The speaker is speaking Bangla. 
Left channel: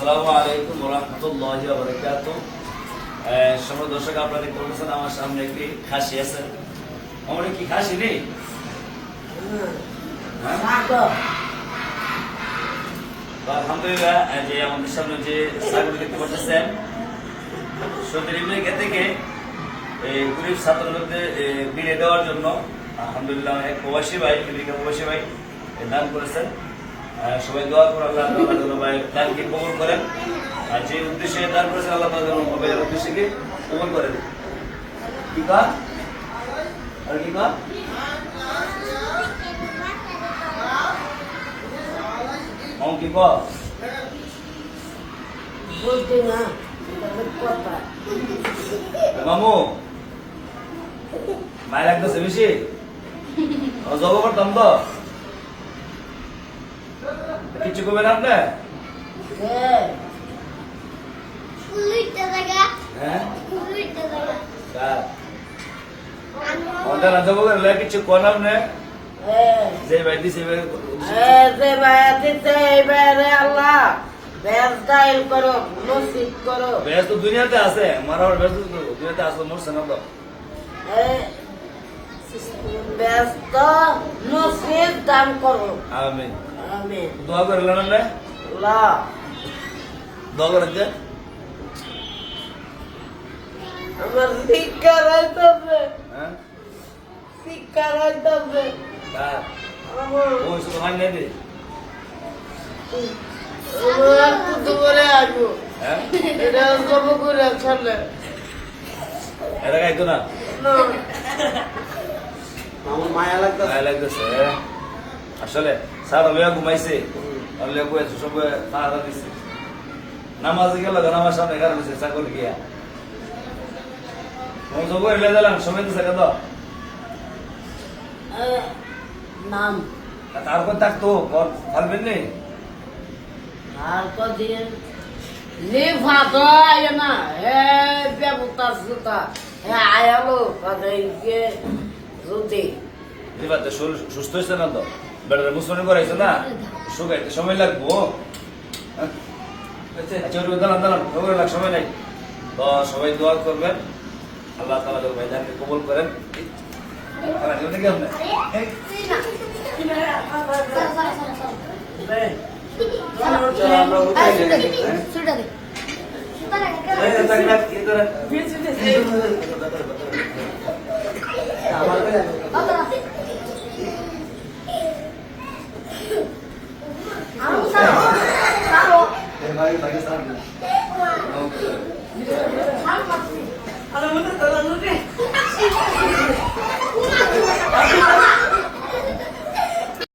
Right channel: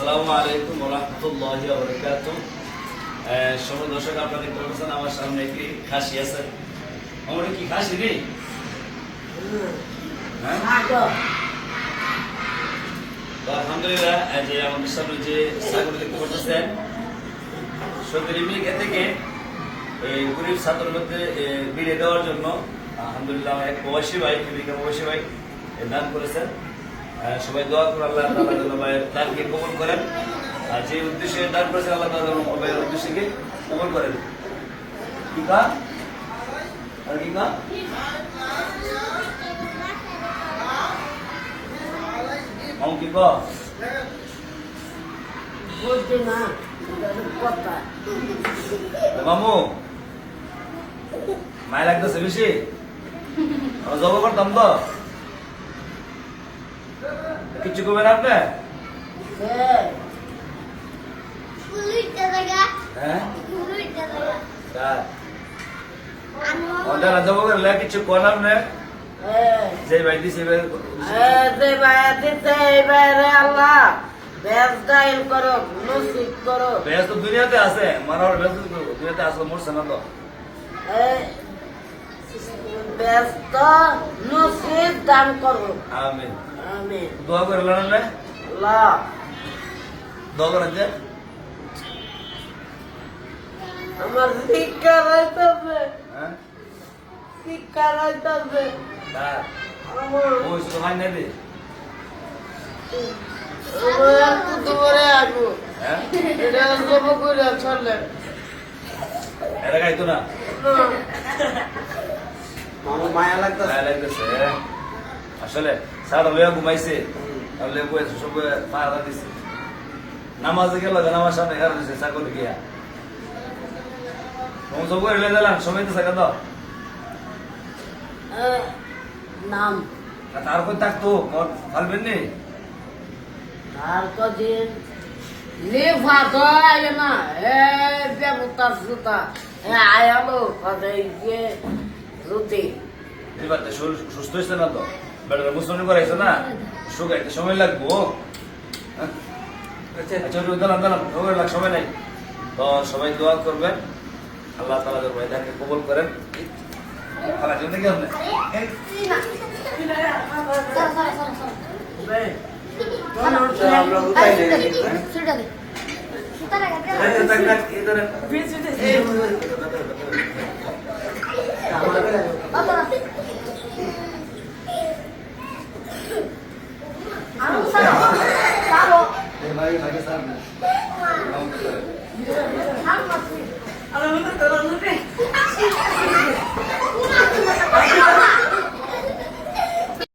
আসসালামু আলাইকুম রহমতুল্লাহি বারাকাত সময় দর্শক, আপনারা দেখতে আমার সামনে একটি খাসি আছে। আমার কি খাসি রে হ্যাঁ? আলহামদুলিল্লাহ যে আমাদের সামনে যে ছাগল দেখতে পাচ্ছেন সৌদি থেকে এই গরিব ছাত্রদের মিলে দেওয়ার জন্য আলহামদুলিল্লাহ এক প্রবাসী ভাই আমেরিকা প্রবাসী ভাই দান করেছেন। সবাই দোয়া করে আল্লাহ তাআলা যেন ভাইয়ের দানকে কবুল করেন। আর যে উদ্দেশ্যে দান করেছেন আল্লাহ যেন ভাইয়ের উদ্দেশ্যকে কবুল করেন কি কা আর কি কা মামু কি কা বুঝছি না মামু মায় লাগতেছে বেশি? জব করতাম তো। কিচ্ছু করবেন আপনি হ্যাঁ? ফুলুইটা জায়গা কার? আমাদের রাজা বগের লাগে কিছু কোন আপনি যে ভাই দিছে ভাই এ যে ভাইয়া দিতে আল্লাহ বেশ গাইল করো নসিব করো। বেশ তো দুনিয়াতে আছে মারার বেশ দুনিয়াতে আছে মরছে না তো। ব্যস্ত নসিব দান করো। আমি আমি দোয়া করে লড়েন না দোয়া করেন যে আমার শিক্ষা রইতেছে হ্যাঁ শিক্ষা মায়া লাগতেছে আসলে সারা লইয়া ঘুমাইছে। আর লইয়া বইছে সব দিছে। নামাজে গেল নামাজ সামনে ঘর দিছে চাকর গিয়া তোমার সব এলে দিলাম সময় তো সাকা তো এ, নাম। তারপর থাকতো? ফালবেন নেই আর কদিন লিফা তো আয় না হে বেবতার সুতা হে আয়ালো তো শরীর সুস্থ হয়েছে না তো? বেড়াতে মুসলিম করাইছে না শুকাইতে সময় লাগবো হ্যাঁ? আচ্ছা দাঁড়ান দাঁড়ান ওগুলো লাগ সময় নাই তো সবাই দোয়া করবেন আল্লাহ তালা যেন ভাইদানকে কবল করেন খারাপ Terakhir lagi